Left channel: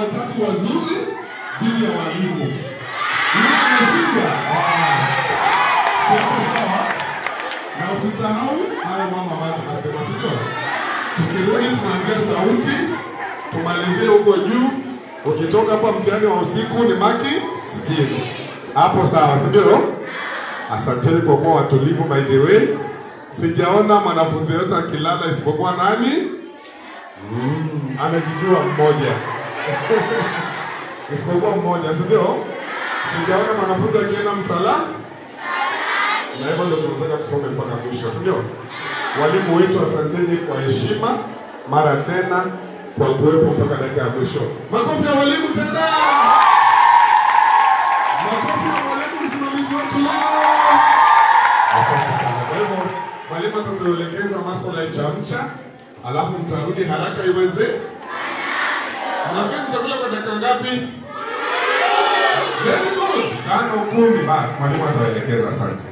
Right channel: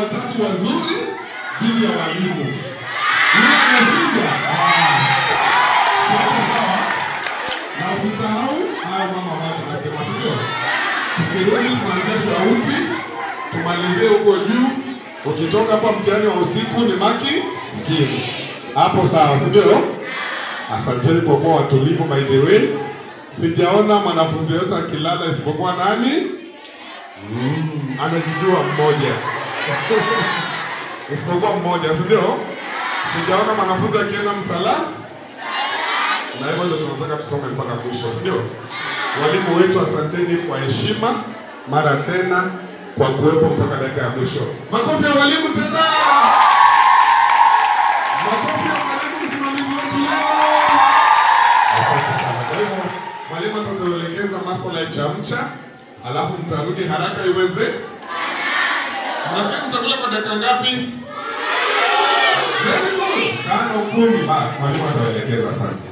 Watatu wazuri dhidi ya walimu. Yule anashinda. Sawa. Na usisahau haya mama ambayo tunasema sio. Tukirudi tunaanzia sauti, tumalizie huko juu. Ukitoka hapa mtihani wa usiku ni maki skimu. Hapo sawa, sio? Asanteni kwa kuwa watulivu by the way. Sijaona mwanafunzi yote akilala isipokuwa nani? Anajijua mmoja. Isipokuwa mmoja, si ndio? Sijaona mwanafunzi akienda msala. Na hivyo ndio tunataka tusome mpaka mwisho, si ndio? Walimu wetu asanteni kwa heshima mara tena kwa kuwepo mpaka dakika ya mwisho. Makofi ya walimu tena. Makofi ya walimu msimamizi wetu leo. Asante sana. Kwa hivyo mwalimu atatuelekeza masuala ya chamcha, alafu mtarudi haraka iweze. Nafikiri mtakula kwa dakika ngapi? Very good. 5 10 basi mwalimu ataelekeza. Asante.